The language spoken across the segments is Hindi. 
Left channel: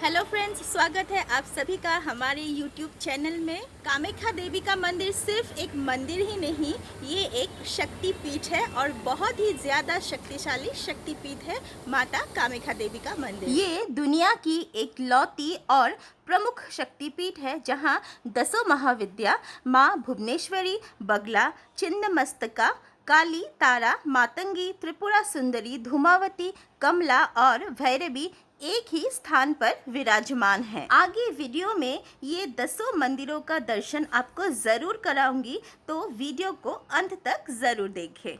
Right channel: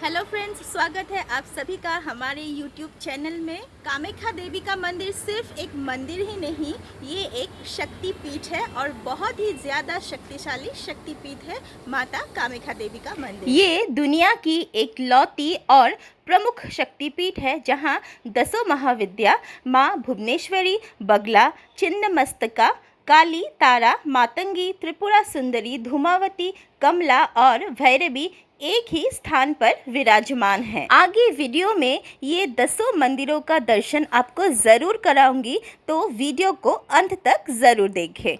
हेलो फ्रेंड्स, स्वागत है आप सभी का हमारे यूट्यूब चैनल में। कामाख्या देवी का मंदिर सिर्फ एक मंदिर ही नहीं, ये एक शक्ति पीठ है और बहुत ही ज़्यादा शक्तिशाली शक्ति पीठ है माता कामाख्या देवी का मंदिर। ये दुनिया की एक लौती और प्रमुख शक्तिपीठ है जहां दसों महाविद्या माँ भुवनेश्वरी, बगला, छिन्नमस्तका, काली, तारा, मातंगी, त्रिपुरा सुंदरी, धूमावती, कमला और भैरवी एक ही स्थान पर विराजमान है। आगे वीडियो में ये दसों मंदिरों का दर्शन आपको ज़रूर कराऊंगी, तो वीडियो को अंत तक ज़रूर देखें।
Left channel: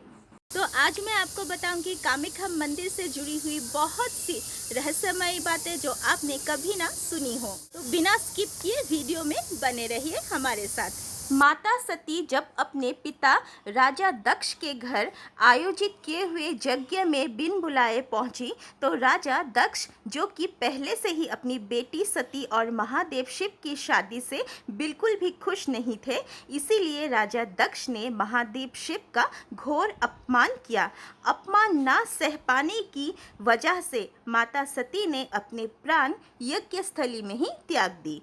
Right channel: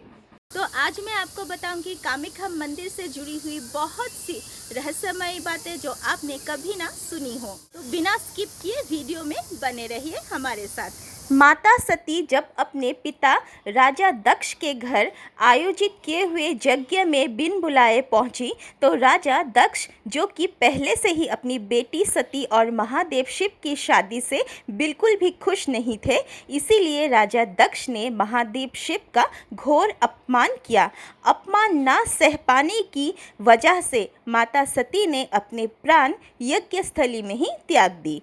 तो आज मैं आपको बताऊंगी कामाख्या मंदिर से जुड़ी हुई बहुत सी रहस्यमयी बातें जो आपने कभी ना सुनी हो। तो बिना स्किप किए वीडियो में बने रहिए हमारे साथ। माता सती जब अपने पिता राजा दक्ष के घर आयोजित किए हुए यज्ञ में बिन बुलाए पहुंची, तो राजा दक्ष, जो कि पहले से ही अपनी बेटी सती और महादेव शिव की शादी से बिल्कुल भी खुश नहीं थे, इसीलिए राजा दक्ष ने महादेव शिव का घोर अपमान किया। अपमान ना सह पाने की वजह से माता सती ने अपने प्राण यज्ञ स्थली में ही त्याग दी।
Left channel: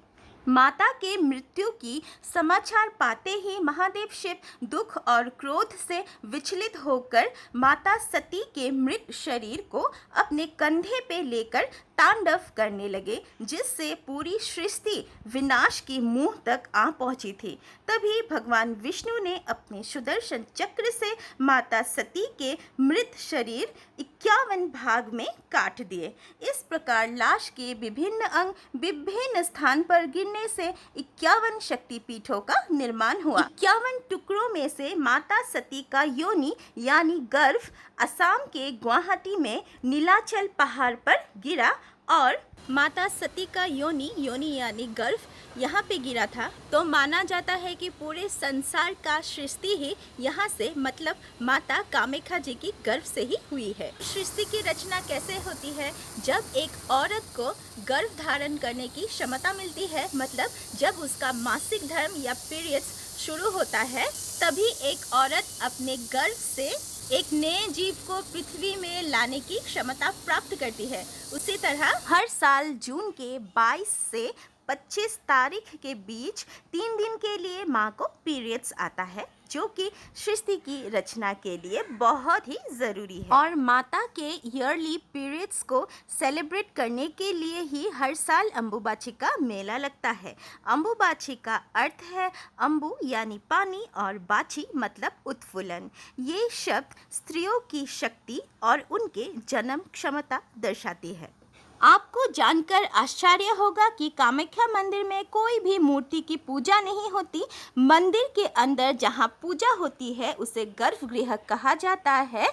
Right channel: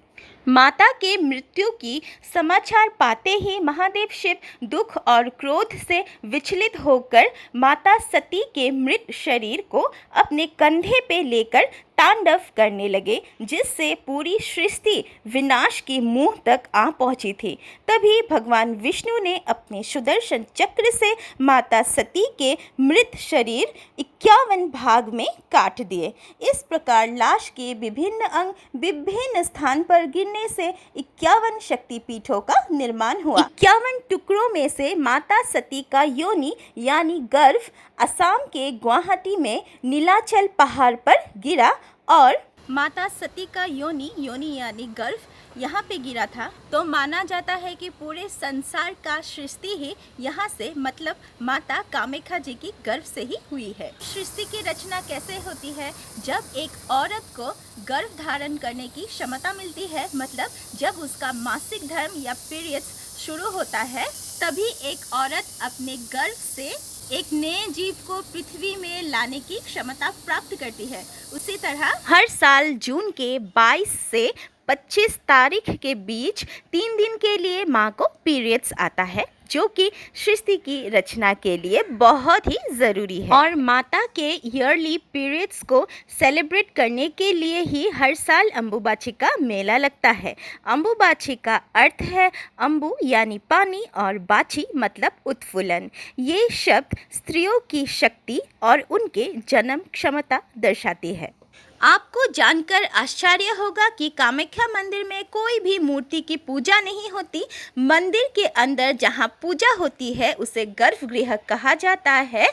माता के मृत्यु की समाचार पाते ही महादेव शिव दुख और क्रोध से विचलित होकर माता सती के मृत शरीर को अपने कंधे पे लेकर तांडव करने लगे, जिससे पूरी सृष्टि विनाश की मुंह तक आ पहुंची थी। तभी भगवान विष्णु ने अपने सुदर्शन चक्र से माता सती के मृत शरीर 51 भाग में काट दिए। इस प्रकार लाश के विभिन्न अंग विभिन्न स्थान पर गिरने से 51 शक्तिपीठों का निर्माण हुआ। 51 टुकड़ों में से माता सती का योनि यानी गर्भ असम के गुवाहाटी में नीलाचल पहाड़ पर गिरा और माता सती का योनि यानी गर्भ यहाँ पे गिरा था। तो माना जाता है कि पूरे संसार का सृष्टि ही यहाँ से, मतलब माता कामाख्या जी की गर्भ से ही हुई है। सृष्टि की रचना कैसे होती है? जब एक औरत को गर्भ धारण करने की क्षमता मिलती है, मतलब जब उसका मासिक धर्म या पीरियड्स शुरू होता है, तभी एक औरत अपने गर्भ से एक नए जीव को पृथ्वी में लाने की क्षमता प्राप्त करती है। उसी तरह हर साल जून के 22 से 25 तारीख के बीच 3 दिन के लिए माँ को पीरियड्स आता है, जो कि सृष्टि की रचना के लिए बहुत ही ज़रूरी है। और माता के ईयरली पीरियड्स को सेलिब्रेट करने के लिए ही हर साल अम्बुबाची का मेला लगता है। अम्बुबाची का अर्थ है अम्बु यानी पानी और बाची मतलब उत्फुल्लन। ये शब्द स्त्रियों की शक्ति और उनके जन्म क्षमता दर्शाती है। आपको जानकर आश्चर्य होगा कि कामाख्या मंदिर में कोई भी मूर्ति की पूजा नहीं होती। मंदिर के अंदर जहां पूजा होती है उसे गर्भगृह कहा जाता है,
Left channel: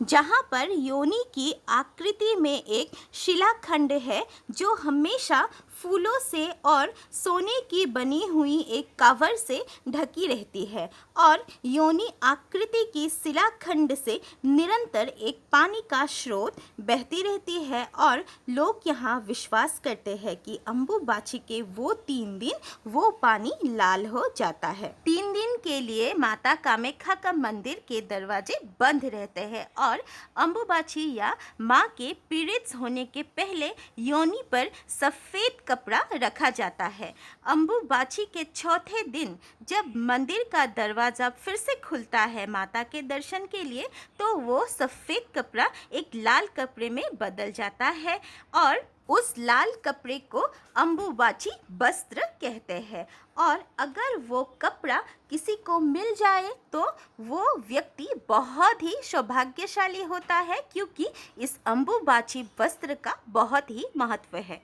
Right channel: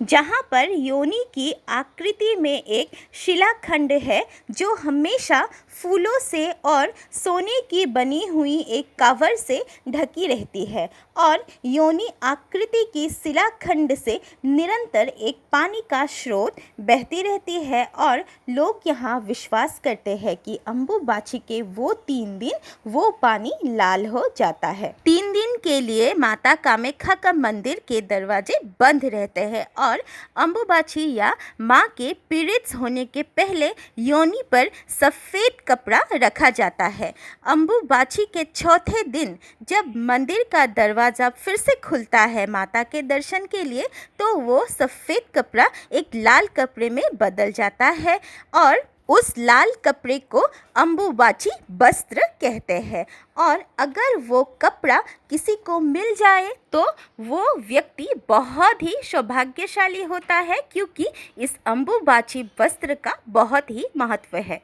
जहां पर योनि की आकृति में एक शिलाखंड है जो हमेशा फूलों से और सोने की बनी हुई एक कवर से ढकी रहती है। और योनि आकृति की शिलाखंड से निरंतर एक पानी का स्रोत बहती रहती है और लोग यहाँ विश्वास करते हैं कि अम्बुबाची के वो 3 दिन वो पानी लाल हो जाता है। 3 दिन के लिए माता कामाख्या का मंदिर के दरवाजे बंद रहते हैं और अम्बुबाची या माँ के पीरियड्स होने के पहले योनि पर सफ़ेद कपड़ा रखा जाता है। अम्बुबाची के चौथे दिन जब मंदिर का दरवाज़ा फिर से खुलता है माता के दर्शन के लिए, तो वो सफ़ेद कपड़ा एक लाल कपड़े में बदल जाता है और उस लाल कपड़े को अम्बुबाची वस्त्र कहते हैं। और अगर वो कपड़ा किसी को मिल जाए तो वो व्यक्ति बहुत ही सौभाग्यशाली होता है, क्योंकि इस अम्बुबाची वस्त्र का बहुत ही महत्व है।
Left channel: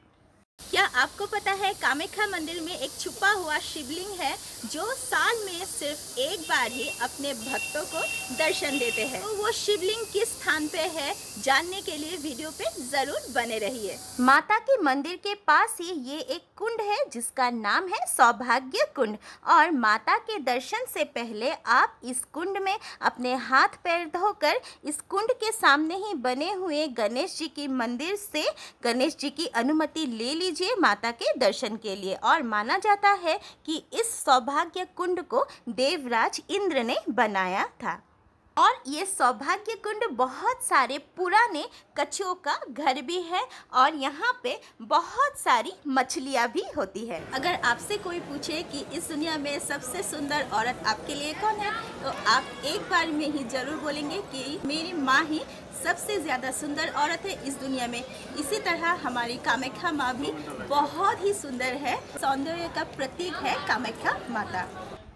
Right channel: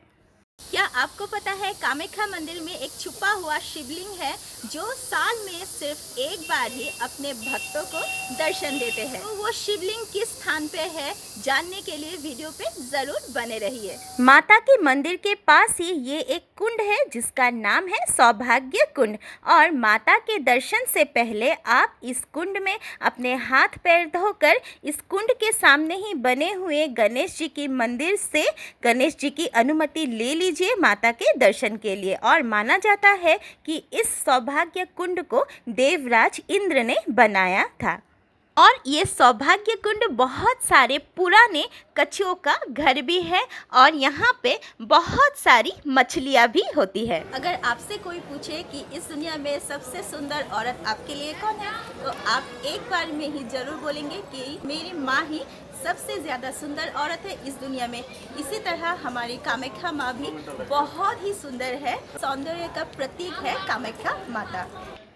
क्या आपको पता है कामाख्या मंदिर में एक छुपा हुआ शिवलिंग है जो साल में सिर्फ एक बार ही अपने भक्तों को दर्शन देते हैं? तो वो शिवलिंग किस स्थान पे है, जानने के लिए वीडियो पे जरूर बने रहिए। माता के मंदिर के पास ही ये एक कुंड है जिसका नाम है सौभाग्य कुंड। और माता के दर्शन से पहले आप इस कुंड में अपने हाथ पैर धोकर इस कुंड के सामने ही बने हुए गणेश जी की मंदिर से गणेश जी की अनुमति ले लीजिए माता के दर्शन के लिए। और माना जाता है कि इस सौभाग्य कुंड को देवराज इंद्र ने बनाया था। और ये सौभाग्य कुंड बहुत सारे पुराने कछुओं का घर भी है और यहाँ पे बहुत सारी मछलियाँ भी होती है। अगर आपसे कोई पूछे कि इस दुनिया में सबसे सुंदर औरत आपके लिए कौन है, तो आप एक बार में ही ज़रूर बोलेंगे कि मेरी माँ ही सबसे ज़्यादा सुंदर औरत है इस दुनिया में। इसी तरह हमारी कामाख्या माँ भी बहुत ही सुंदर है, सौंदर्य का प्रतीक है कामाख्या माता।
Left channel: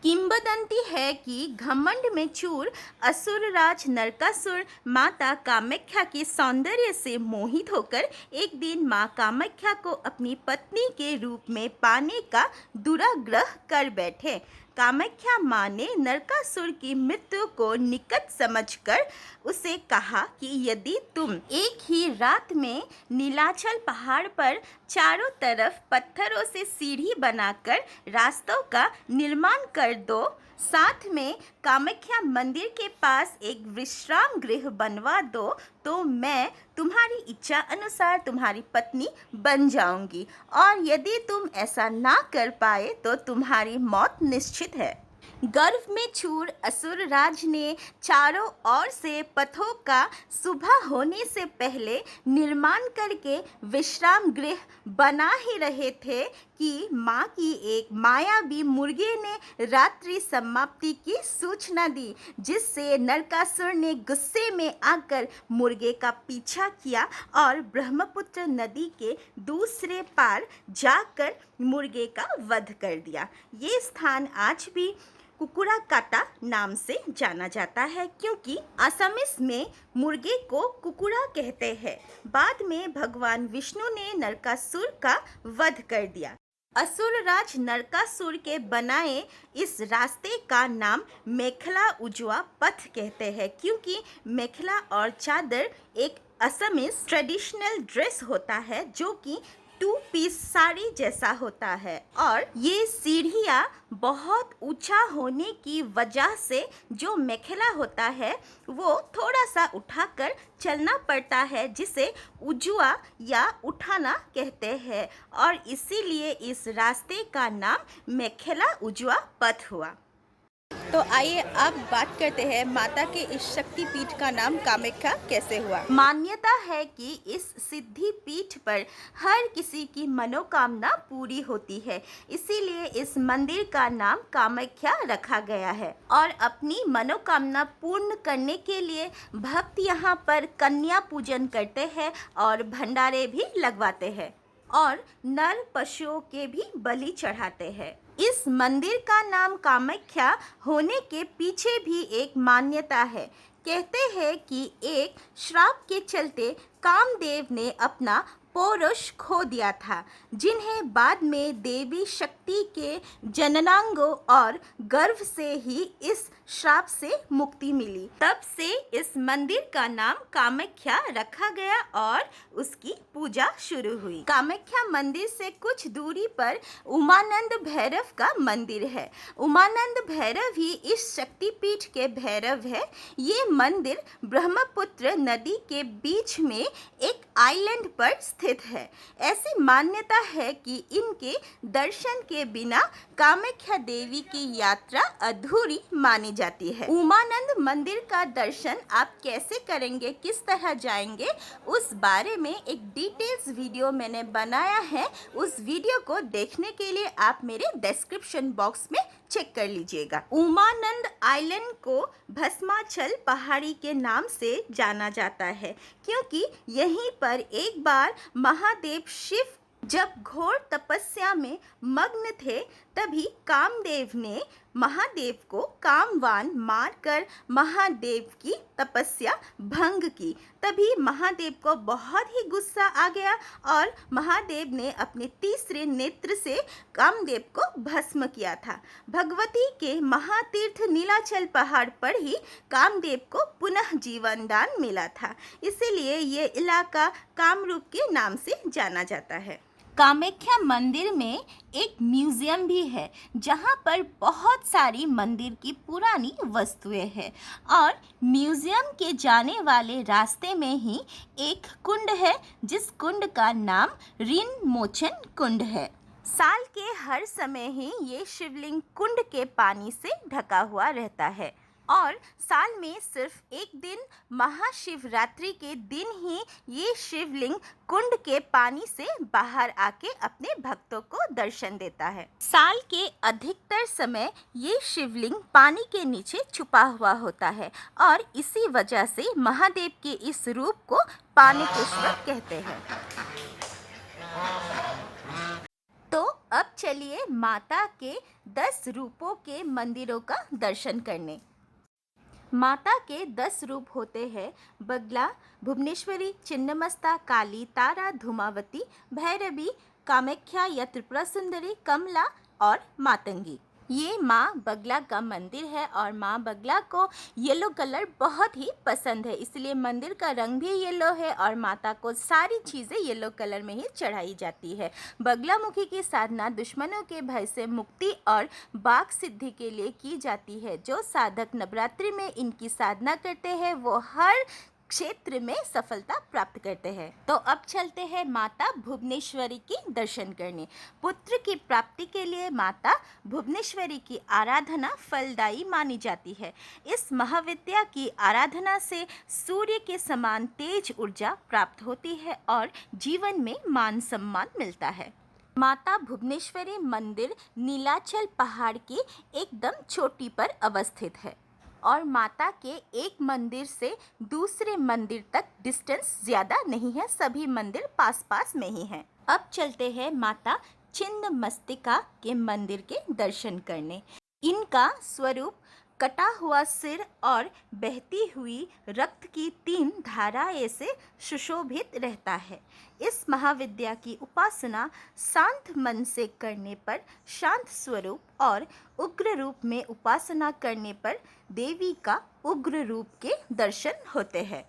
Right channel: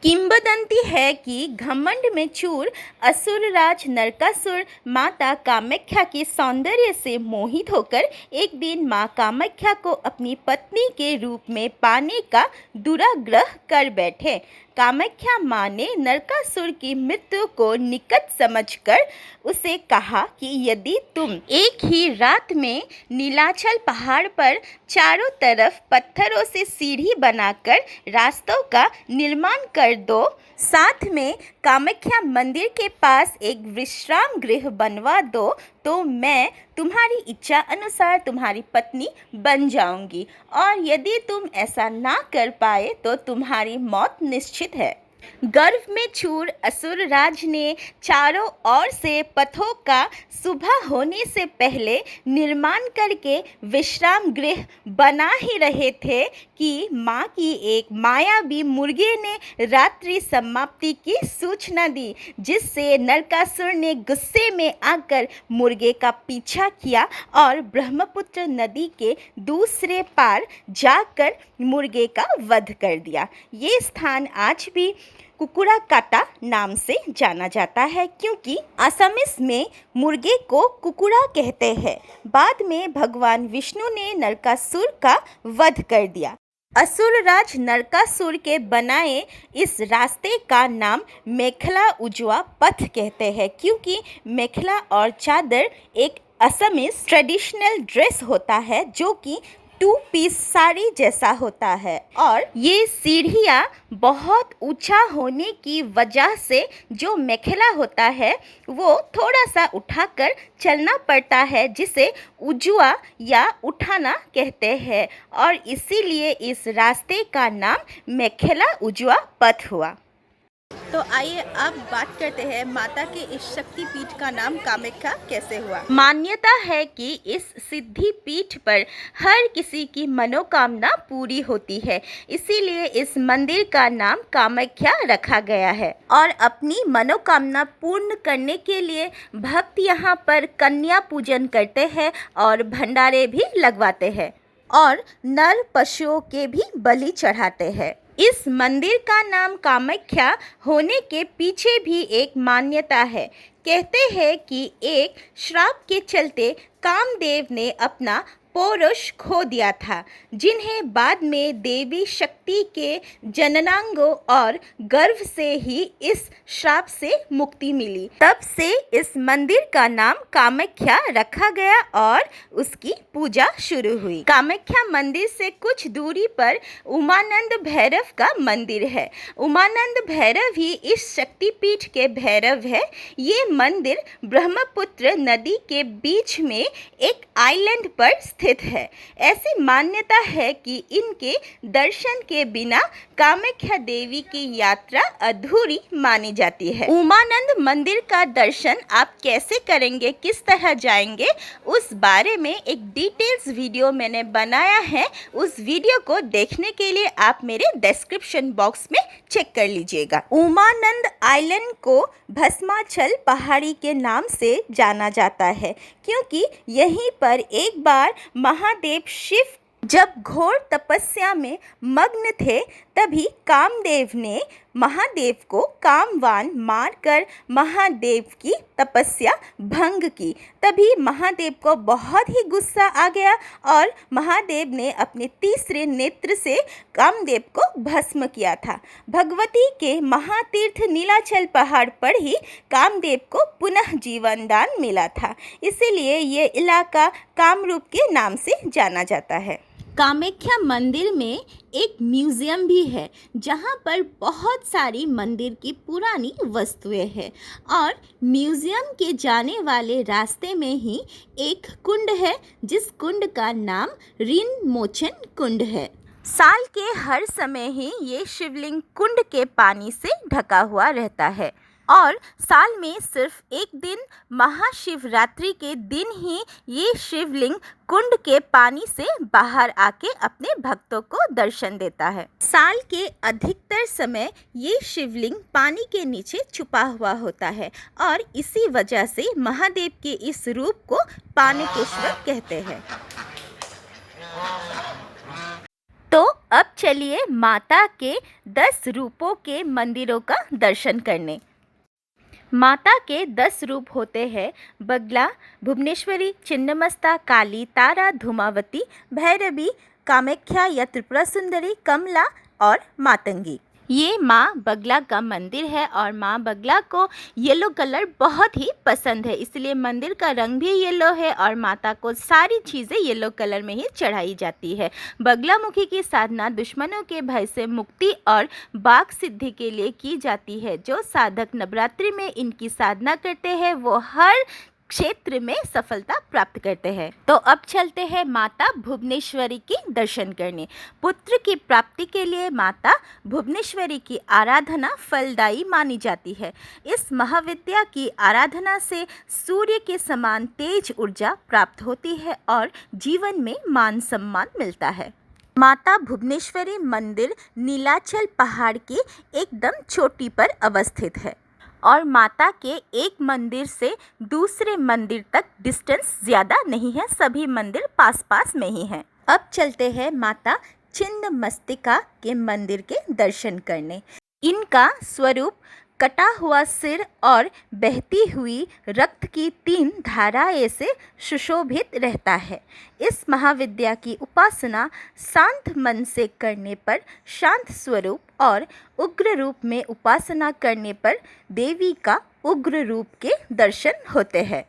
किंवदंती है कि घमंड में चूर असुरराज नरकासुर माता कामाख्या के सौंदर्य से मोहित होकर एक दिन माँ कामाख्या को अपनी पत्नी के रूप में पाने का दुराग्रह कर बैठे। कामाख्या माँ ने नरकासुर की मृत्यु को निकट समझकर उसे कहा कि यदि तुम एक ही रात में नीलाचल पहाड़ पर चारों तरफ पत्थरों से सीढ़ी बनाकर रास्तों का निर्माण कर दो, साथ में कामाख्या मंदिर के पास एक विश्राम गृह बनवा दो, तो मैं तुम्हारी इच्छा अनुसार तुम्हारी पत्नी बन जाऊंगी, और यदि तुम ऐसा ना कर पाए तो तुम्हारी मौत निश्चित है। गर्भ में चूर असुरराज ने चारों ओर से पथों का सुबह होने से पहले निर्माण करके विश्राम गृह बना ही रहे थे कि माँ की एक मायावी मुर्गे ने रात्रि समाप्ति की सूचना दी, जिससे नरकासुर ने गुस्से में आकर मुर्गे का पीछा किया और ब्रह्मपुत्र नदी के दूसरे पार जाकर मुर्गे का वध कर दिया। ये स्थान आज भी कुकुड़ाकाटा नाम से जाना जाता है, क्योंकि असमीस में मुर्गे को कुकुड़ा कहते हैं। बाद में भगवान विष्णु ने नरकासुर का वध कर दिया। असुरराज नरकासुर के बनाए इस रास्ते का नाम मेखला उजवा पथ कहते हैं, क्योंकि मेखला और चादर एक असमीस ट्रेडिशनल ड्रेस होता है जो कि 2 पीस साड़ी जैसा होता है, और ये सीढ़ियाँ बहुत ऊंचा होने की वजह से जो मेखला होता है वो थोड़ा सा उठाकर चलना पड़ता है, जिसे उजुआ या उठाना कहते हैं, और इसीलिए इस रास्ते का नाम मेखला उजुआ पथ हुआ। तो आइए अब बात करते हैं माता के इस शक्ति पीठ का नाम कामाख्या कैसे हुआ। मान्यता है कि इस सिद्धि पीठ पर हर किसी की मनोकामना पूरी होती है, इसीलिए इस मंदिर का नाम कामाख्या रखा गया है, और अपनी मनोकामना पूर्ण करने के लिए भक्त यहाँ पर कन्या पूजन करते हैं और भंडारे भी लगवाते हैं और नर पशुओं के भी बलि चढ़ाते हैं। इस मंदिर का नाम कामाख्या होने के पीछे भी एक मान्यता है। कहते हैं कि एक श्राप के चलते कामदेव ने अपना पौरुष खो दिया था, जिन्हें बाद में देवी शक्ति के जननांगों और गर्भ से ही इस श्राप से मुक्ति मिली। तब से इस मंदिर का नाम कामाख्या रखा गया और उसकी पूजा शुरू हुई। कामाख्या मंदिर से कुछ दूरी पर उमानंद भैरव का मंदिर है। उमानंद भैरव ही इस शक्तिपीठ के भैरव है। ये मंदिर ब्रह्मपुत्र नदी के बीच में एक आइलैंड पर स्थित है। ऐसी मान्यता है कि इनके दर्शन के बिना कामाख्या देवी की यात्रा अधूरी मानी जाती है। उमानंद मंदिर का दर्शन आप कैसे करेंगे, किस तरह जाएंगे, उस बारे में एक डिटेल्स वीडियो मैंने बनाया है। उस वीडियो को देखने के लिए आप मेरे डिस्क्रिप्शन बॉक्स में चेक कर लीजिएगा। उमानंद आइलैंड को भस्माचल पहाड़ी के नाम से जाना जाता है, क्योंकि यहीं पर एक बार महादेव शिव जब घोर तपस्या में मग्न थे, तभी कामदेव ने महादेव को कामवान मारकर महादेव की तपस्या भंग की। तभी महादेव को बहुत ही गुस्सा आ गया और महादेव ने अपने तीसरे नेत्र से कामदेव को भस्म किया था। भगवती के महातीर्थ नीलाचल पहाड़ पर ही कामदेव को पुनः जीवन दान मिला था, इसीलिए ये इलाका कामरूप के नाम से जाना जाता है। कामाख्या मंदिर में एक म्यूज़ियम भी है, जहाँ पर बहुत सारी मंदिर की पुरानी वस्तुएं हैं, और म्यूज़ियम के जाने वाले रास्ते में ही एक कुंड है, जिस कुंड का नाम ऋण मोचन कुंड है। साल के हर समय ही ये शिवलिंग कुंड के पानी से ढका हुआ रहता है, और साल में सिर्फ एक दिन महाशिवरात्रि के दिन ही ये शिवलिंग कुंड के पानी से बाहर आके अपने भक्तों को दर्शन देता है। साल के अधिकतर समय ये शिवलिंग पानी के नीचे छुपा हुआ होता है और इसी वजह से महादेव के इस रूप को पानकेश्वर कहते हैं। तो अब चलिए माता के 10 रूपों के मंदिरों का दर्शन करने। माता के 10 रूप होते हैं बगला, भुवनेश्वरी, छिन्नमस्ता, काली, तारा, धूमावती, भैरवी, कामाख्या या त्रिपुरा सुंदरी, कमला और मातंगी। ये माँ बगला का मंदिर है और माँ बगला को येलो कलर बहुत ही पसंद है, इसलिए मंदिर का रंग भी येलो है और माता को सारी चीज़ें येलो कलर में ही चढ़ाई जाती है। बगलामुखी की साधना दुश्मनों के भय से मुक्ति और वाक सिद्धि के लिए की जाती है। जो साधक नवरात्रि में इनकी साधना करते हैं वो हर क्षेत्र में सफलता प्राप्त करते हैं। तो अब चलते हैं माता भुवनेश्वरी की दर्शन करने। पुत्र की प्राप्ति के लिए माता भुवनेश्वरी की आराधना फलदायी मानी जाती है। इस महाविद्या की आराधना से सूर्य के समान तेज ऊर्जा प्राप्त होती है और जीवन में मान सम्मान मिलता है। माता भुवनेश्वरी मंदिर नीलाचल पहाड़ की एकदम चोटी पर अवस्थित है और माता के एक मंदिर से दूसरे मंदिर तक डिस्टेंस ज़्यादा नहीं है, सभी मंदिर पास पास में ही हैं। अब चलते हैं माता छिन्नमस्तिका के मंदिर के दर्शन करने। इनका स्वरूप कटा हुआ सिर और बहती हुई रक्त की 3 धाराएं से सुशोभित रहता है। इस महाविद्या की उपासना शांत मन से करने पर शांत स्वरूप और उग्र रूप में उपासना करने पर देवी का उग्र रूप के दर्शन होते हैं।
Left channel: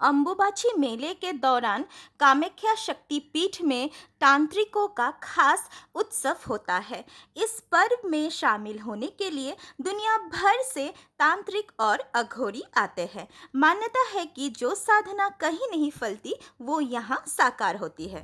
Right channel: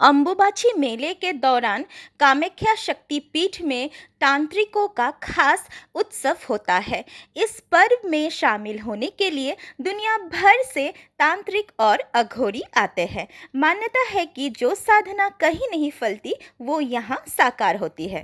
अम्बुबाची मेले के दौरान कामाख्या शक्तिपीठ में तांत्रिकों का खास उत्सव होता है। इस पर्व में शामिल होने के लिए दुनिया भर से तांत्रिक और अघोरी आते हैं। मान्यता है कि जो साधना कहीं नहीं फलती वो यहाँ साकार होती है।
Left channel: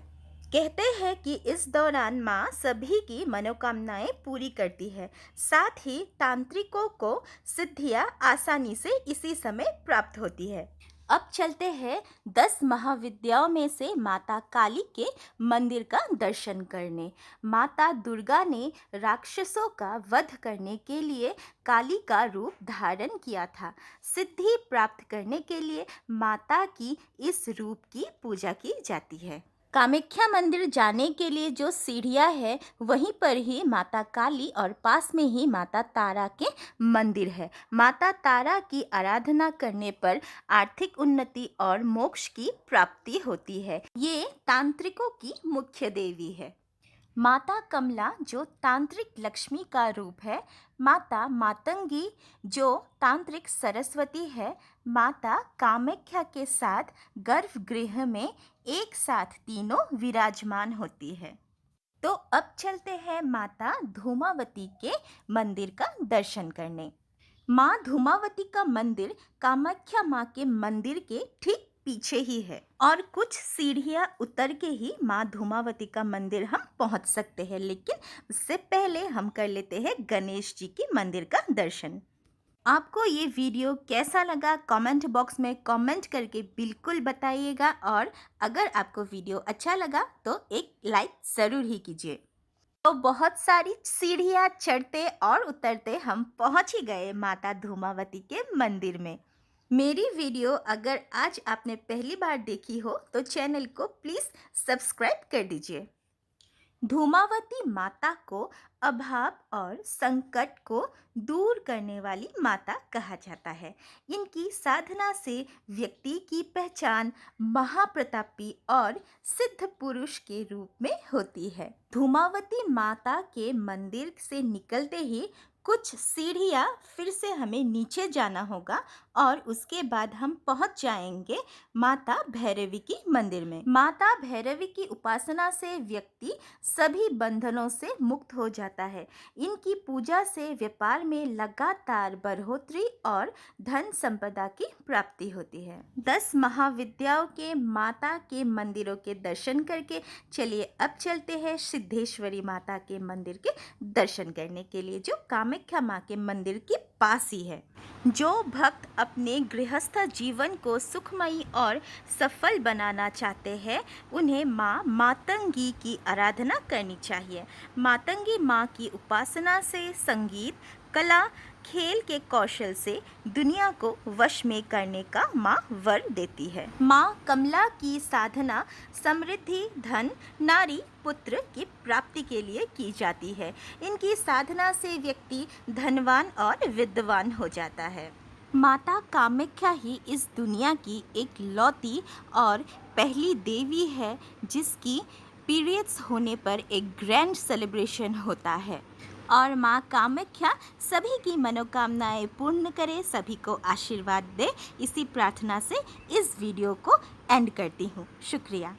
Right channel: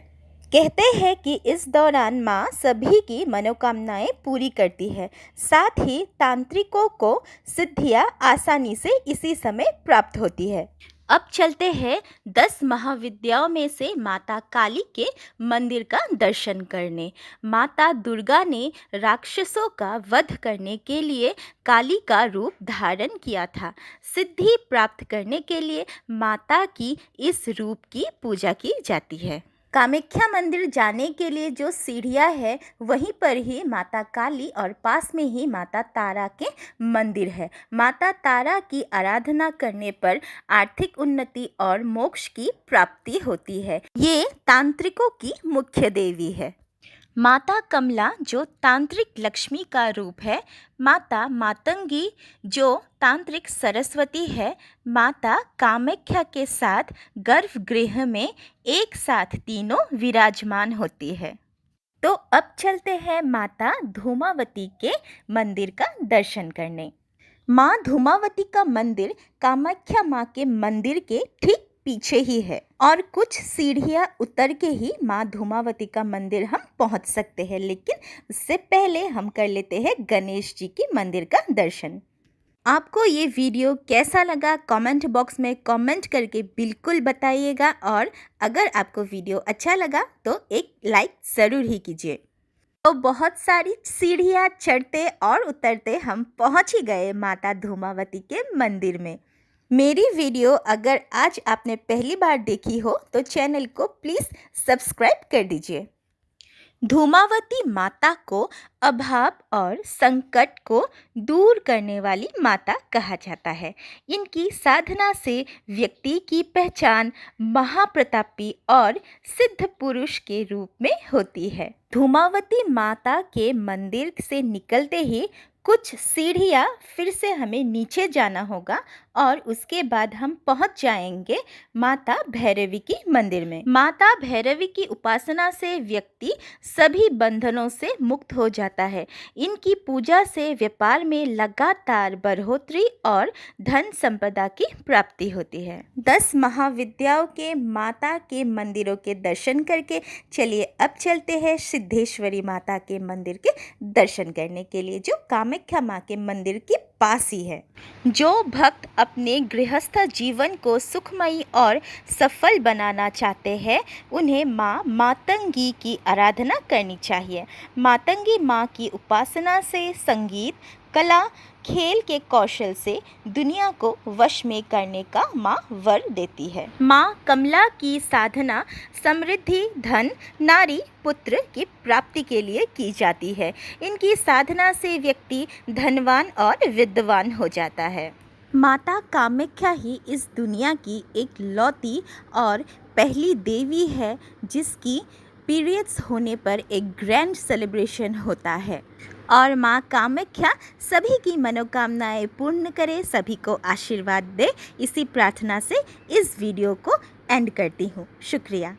कहते हैं कि इस दौरान माँ सभी की मनोकामनाएं पूरी करती है, साथ ही तांत्रिकों को सिद्धियाँ आसानी से इसी समय प्राप्त होती है। अब चलते हैं 10 महाविद्याओं में से माता काली के मंदिर का दर्शन करने। माता दुर्गा ने राक्षसों का वध करने के लिए काली का रूप धारण किया था। सिद्धि प्राप्त करने के लिए माता की इस रूप की पूजा की जाती है। कामाख्या मंदिर जाने के लिए जो सीढ़ियाँ है वहीं पर ही माता काली और पास में ही माता तारा के मंदिर है। माता तारा की आराधना करने पर आर्थिक उन्नति और मोक्ष की प्राप्ति होती है। ये तांत्रिकों की मुख्य देवी है। माता कमला जो तांत्रिक लक्ष्मी का रूप है, माता मातंगी जो तांत्रिक सरस्वती है, माता कामाख्या के साथ गर्भगृह में एक साथ तीनों विराजमान होती है। तो अब चलते हैं माता धूमावती के मंदिर का दर्शन करने। माँ धूमावती का मंदिर कामाख्या माँ के मंदिर के ठीक पीछे ही है और कुछ सीढ़ियाँ उतर के ही माँ धूमावती का मंदिर हम पहुँच सकते हैं, लेकिन उससे पहले हम कर लेते हैं गणेश जी की मंदिर का दर्शन। आपको ये वीडियो कैसा लगा कमेंट बॉक्स में कमेंट करके बिल्कुल बताइएगा और अगर आपको वीडियो अच्छा लगा तो एक लाइक ज़रूर ही कीजिए। तो बहुत सारी सीढ़ियाँ चढ़ते और उतरते हम पहुँच ही गए माता धूमावती के मंदिर में। मेरी वीडियो अगर आज आपने पहली बार देखी हो तो चैनल को प्लीज़ सब्सक्राइब कर दीजिए। धूमावती माता को अभाव और संकट को दूर करने वाली माता कहा जाता है। इनकी साधना से व्यक्ति की पहचान महाप्रतापी और सिद्ध पुरुष के रूप में होती है। धूमावती माता के मंदिर से निकलते ही कुछ सीढ़ियाँ फिर से हमें नीचे जाना होगा और उसके बाद हम पहुंच जाएंगे माता भैरवी की मंदिर में। माता भैरवी की उपासना से व्यक्ति सभी बंधनों से मुक्त हो जाता है। इनकी पूजा से व्यापार में लगातार बढ़ोतरी और धन संपदा की प्राप्ति होती है। 10 महाविद्याओं के माता के मंदिरों के दर्शन करके चलिए अब चलते हैं सिद्धेश्वरी माता के मंदिर के दर्शन करने के लिए, जो कामाख्या माँ के मंदिर की पास ही है। जो भक्त अपने गृहस्थ जीवन को सुखमयी और सफल बनाना चाहते हैं, उन्हें माँ मातंगी की आराधना करनी चाहिए। मातंगी माँ की उपासना से संगीत, कला, खेल के कौशल से दुनिया को वश में करने का माँ वर देती है। माँ कमला की साधना समृद्धि, धन, नारी, पुत्र की प्राप्ति के लिए की जाती है। इनकी साधना से व्यक्ति धनवान और विद्वान हो जाता है। माता कामाख्या ही इस दुनिया की एक लौती और पहली देवी है जिसकी पीरियड्स होने पर एक ग्रैंड सेलिब्रेशन होता है। और माँ कामाख्या सभी की मनोकामनाएं पूर्ण करे, सभी को आशीर्वाद दे, इसी प्रार्थना से इस वीडियो को एंड करती हूँ। शुक्रिया।